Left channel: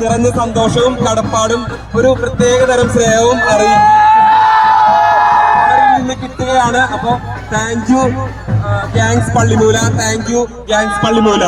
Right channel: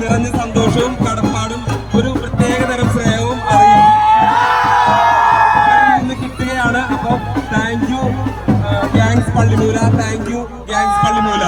നിറഞ്ഞ സന്തോഷവും കടപ്പാടും ഒരു പ്രത്യേക തരം സ്നേഹവും നിന്ന് കിട്ടുകയാണ്. അപ്പൊ thank you gangs Pallimoola. Thank you gangs Pallimoola.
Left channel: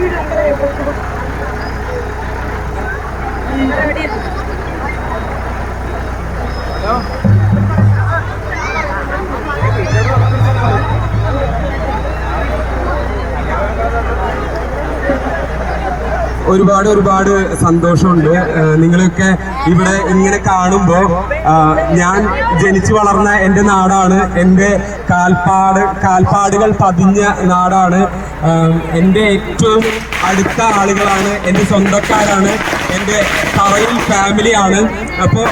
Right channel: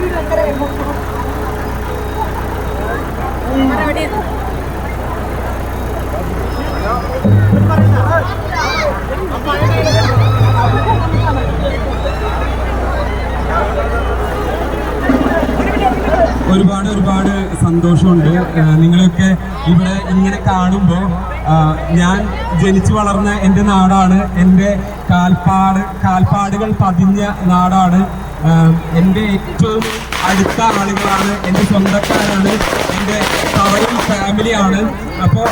అందరూ ഒരുപാട് ഒരുപാട് സന്തോഷമുണ്ട്. നിങ്ങളൊക്കെ ഇവിടെ ഇങ്ങനെ കാണുമ്പോൾ ഞാൻ ജനിച്ചു വളർന്ന എന്റെ നാടാണ്. എന്റെ കാൽപ്പാട് കാൽപ്പാടുകൾ പതിഞ്ഞ നാടാണ്. എന്റെ ഏറ്റവും അടുത്ത ആളുകളാണ്. എന്റെ സ്വന്തക്കാരാണ്. എന്റെ തറയും ഫാമിലിയാണ് അപ്പോൾ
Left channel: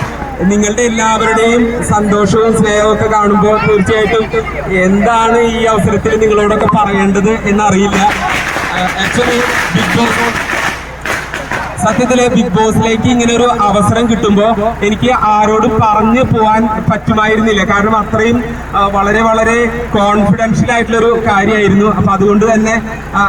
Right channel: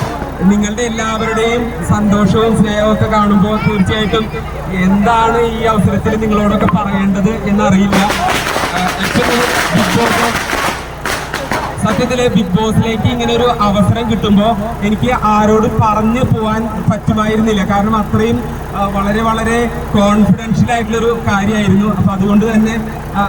നിങ്ങളുടെ എല്ലാവരുടെയും സന്തോഷവും സ്നേഹവും ഒക്കെ കാണുമ്പോൾ തീർച്ചയായിട്ടും എന്താണ് ഈ അവസരത്തിൽ നിങ്ങളോടൊക്കെ പറയേണ്ടത് എന്നറിയില്ല. ആക്ച്വലി ബിഗ് ബോസ് സത്യത്തിൽ ബിഗ് ബോസിലേക്ക് ഇങ്ങനെ ഒരു അവസരം കിട്ടുമ്പോൾ എനിക്ക് ആരോടും പറഞ്ഞു പോകാൻ പറ്റുമായിരുന്നില്ല. കാരണം അത്രയും വളരെ വളരെ കോൺഫിഡൻഷ്യൽ ആയിട്ടുള്ള ഒരു കാര്യമായിരുന്നു അപ്പൊ അതുകൊണ്ട് തന്നെ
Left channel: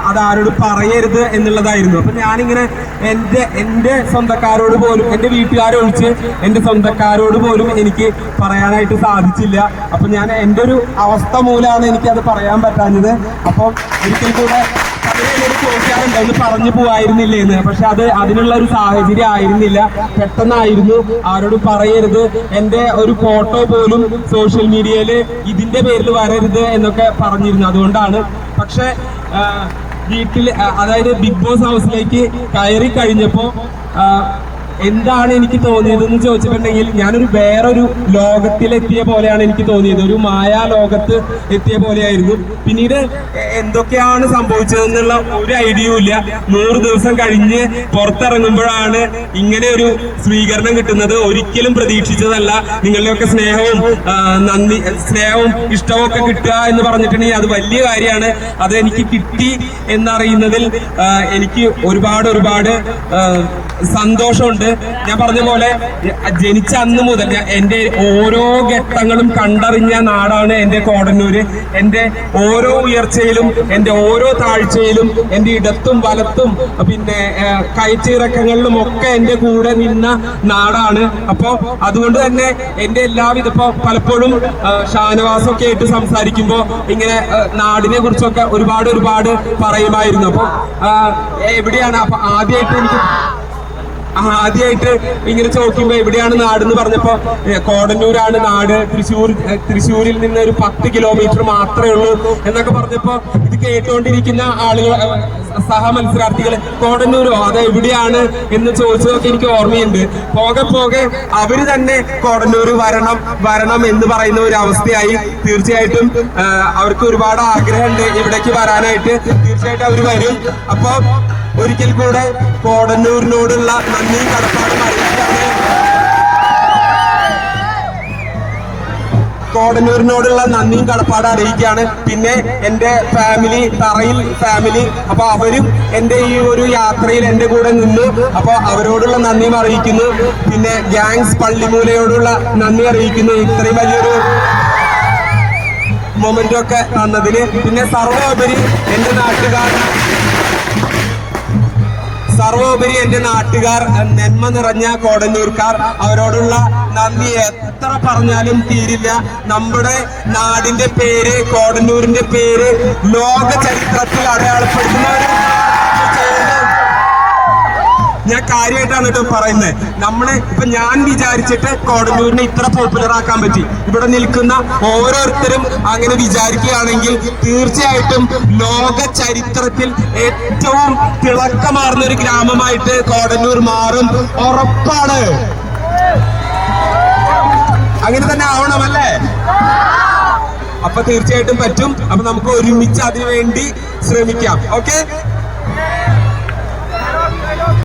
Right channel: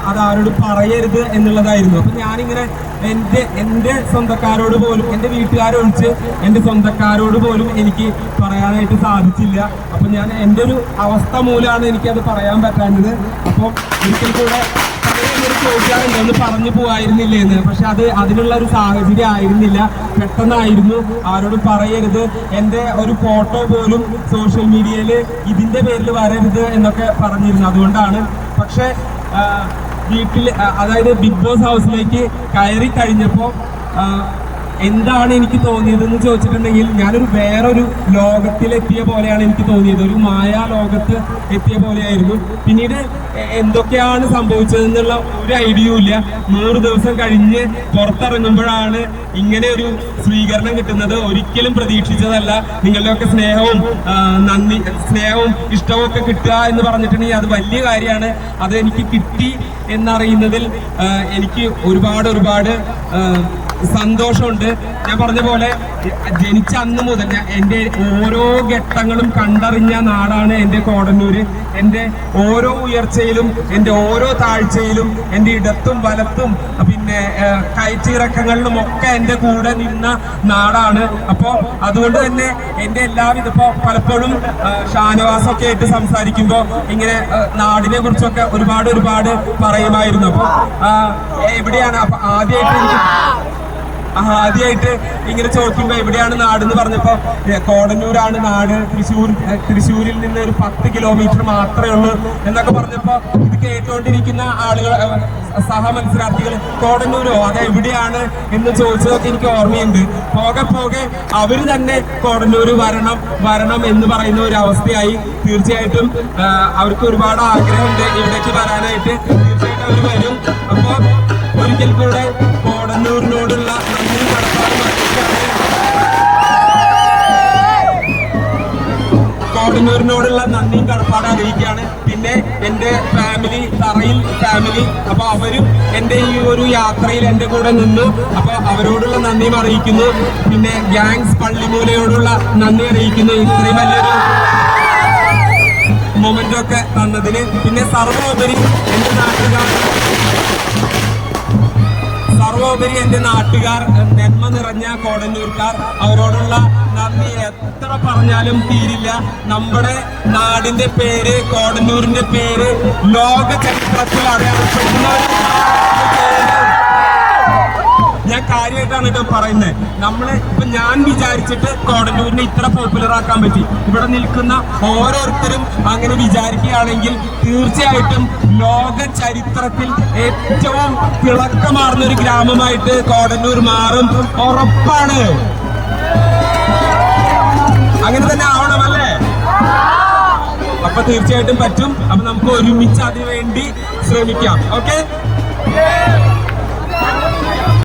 അത് ആരോട് പറയരുത് എന്നുള്ളതായിരുന്നു. അപ്പൊ ഞാനിങ്ങനെ എന്റെ എന്റെ സ്വന്തക്കാരോട് പോലും എന്റെ വീട്ടുകാരൊഴിച്ച് എന്റെ സ്വന്തക്കാരോട് പോലും എനിക്ക് പറയാനായിട്ട് സാധിച്ചില്ല. അപ്പൊ ഞാൻ എന്റെ ഒരു അവസ്ഥ മൂലമാണ് എനിക്കത് പറയാൻ പറ്റാഞ്ഞത്. അപ്പോൾ ഒരിക്കൽ കൂടെ ചോദിക്കാറുണ്ട്. ഒന്ന് പറഞ്ഞു പോവായിരുന്നില്ലേ എന്ന് പക്ഷെ അത് അതിനുള്ള ഒരു സാഹചര്യം ആയിരുന്നില്ല. പെട്ടെന്നായിരുന്നു. ആരോടും പറയരുത്. എന്റെ ഒരു ഫോട്ടോ പോലും സോഷ്യൽ മീഡിയയിൽ ഇതിന്റെ പേരിൽ വരരുത് എന്നൊക്കെ പറഞ്ഞിരുന്നു. അതുകൊണ്ടാണ്. പക്ഷെ വീട്ടിൽ അതായത് ബിഗ് ബോസ് ഹൗസിലേക്ക് കയറി കഴിഞ്ഞപ്പോ ആ, എന്താണ് എനിക്ക് തോന്നിയത് എന്ന് ചോദിച്ചിട്ടുണ്ടെങ്കിൽ ഞാനൊരു വേറൊരു ലോകത്തിലെത്തിയ പോലെയാണ് എനിക്ക് തോന്നിയത്. ഒരു മായാ ലോകത്ത് എത്തിയ പോലെയായിരുന്നു. പിന്നീട് എന്തൊക്കെയാണ് സംഭവിച്ചതെന്നുള്ള ഒരു ഐഡിയയും ഇല്ല. നൂറ് ദിവസം കഴിഞ്ഞ് പുറത്തിറങ്ങുമ്പോഴാണ് ഇങ്ങനെ ഒരു സ്വീകരണം കിട്ടുന്നത്. ഒരിക്കലും പ്രതീക്ഷിച്ചതല്ല. നിങ്ങളുടെയൊക്കെ സ്നേഹവും നന്ദി സ്നേഹവും ഇഷ്ടവും ഒക്കെ കിട്ടുക എന്ന് പറഞ്ഞിട്ടുണ്ടെങ്കിൽ അത് വലിയ കാര്യമാണ്. അത് എനിക്ക് കിട്ടി എന്നറിയുന്നതിൽ എനിക്ക് ഒരുപാട് ഒരുപാട് സന്തോഷമുണ്ട്. ഞാൻ പറഞ്ഞ പോലെ ജനിച്ച അന്ന് മുതൽ ഞാൻ എന്റെ ഓരോ ഘട്ടങ്ങളും കണ്ടറിഞ്ഞ നാടാണ് എന്റെ കോടന്നൂര്. എന്റെ ഓരോ ഉയർച്ചയിലും എന്റെ ഓരോ താഴ്ചയിലും എന്റെ ഇടത്തും വലത്തും പിന്നെ കയറ്റിറക്കങ്ങളിലും ഒക്കെ എന്റെ കൂടെ നിന്ന നാടാണ്. അപ്പോൾ അതുകൊണ്ട് തന്നെ എന്റെ എല്ലാവിധ ഇപ്പോൾ പലപ്പോഴും ഷാനവാസൊക്കെ ആയിട്ട് സംസാരിക്കുമ്പോൾ ഇങ്ങനെ നാടിനെ കുറിച്ചൊക്കെ ഒരുപാട് ഒരുപാട് പറയുമായിരുന്നു. അപ്പോൾ എവിടെയാണ്? അപ്പൊ ആദ്യമായിട്ട് എനിക്ക് ആദ്യമായിട്ട് ഇങ്ങനെ ചോദിക്കുമ്പോ എവിടെയാണ് നാട് എന്ന് പറഞ്ഞപ്പോ കോടന്നൂരാണ് നാട്. തൃശ്ശൂർ തൃശ്ശൂരിൽ നിന്ന് ഒരു പത്ത് കിലോമീറ്റർ മാത്രമേ ഉള്ളൂ എന്നൊക്കെ പറഞ്ഞപ്പോ ഇത് കേട്ടുകൊണ്ടിരിക്കുന്ന ആളുകൾ സഹ മത്സരാർത്ഥികൾ കോടന്നൂരോ? അത് എവിടെയാണ്? എന്ന് ചോദിച്ചതൊക്കെ എനിക്ക് ഓർമ്മയുണ്ട്. പോകെ പോകെ അവർ തന്നെ കോടന്നൂര് വരണം വരണം എന്ന് പറയുന്ന ഒരു അവസ്ഥയായി തീർച്ചയായിട്ടും അവർക്ക് ഒരുപാട് ആഗ്രഹമുണ്ട് ഇവിടേക്ക് വരാനായിട്ട്. തീർച്ചയായിട്ടും അവർ വരും. അപ്പൊ ഒരിക്കൽ കൂടെ കോടന്നൂരിനോടുള്ള നന്ദി. കോടന്നൂരിനോടുള്ള നന്ദിയും കടപ്പാട് അറിയിക്കുകയാണ്. പിന്നെ എന്റെ ഫാമിലി തറയിൽ ഫാമിലി അപ്പൊ അവരും എന്റെ ഈ ഒരു യാത്രയിൽ എന്റെ കൂടെ നിന്നു. അപ്പൊ അവരോടുള്ള നന്ദിയും അറിയിക്കുന്നു. പിന്നെ ഗാങ്സ് പള്ളിമൂലയോടുള്ള നന്ദി അറിയിക്കുന്നു. ഇത്രയും വലിയൊരു മൊമെന്റ് ഒക്കെ തന്നതിന്. പിന്നെ സർവോപരി എന്റെ നാട്ടുകാർ. സർവോപരി എന്റെ നാട്ടുകാർ നന്മ നിറഞ്ഞ കോടന്നൂർക്കാർ അവരോടുള്ള നന്ദി. എത്ര പറഞ്ഞാലും തീരില്ല. നമ്മുടെ നാടിന്റെ പേര് കോടന്നൂരിന്റെ പേര് ലോക ചരിത്രത്തിൽ അടയാളപ്പെടുത്തുന്ന ഞാൻ കാര്യമായിട്ടാണ് കേട്ടോ പറയുന്നത്. നമ്മൾ ഇപ്പൊ ഞാൻ വിചാരിച്ചിട്ട് കോടന്നൂരിനെ ഇത്ര പോപ്പുലർ ആക്കാൻ പറ്റി. ഇവിടെ നിൽക്കുന്ന ഓരോരുത്തരും അങ്ങനെ വിചാരിക്കുകയാണെങ്കിൽ തീർച്ചയായിട്ടും ലോക ചരിത്രത്തിൽ ഏറ്റവും തിളക്കമാർന്ന ഒരു ഗ്രാമമായിട്ട് കോടന്നൂർ മാറും. ഉറപ്പാണ്. അങ്ങനെ തന്നെ ആവണമല്ലേ അപ്പൊ തീർച്ചയായിട്ടും പറ്റും. അപ്പൊ നമുക്ക് ഒരുമിച്ച് അതിനുവേണ്ടി ശ്രമിക്കാം. ഓക്കെ?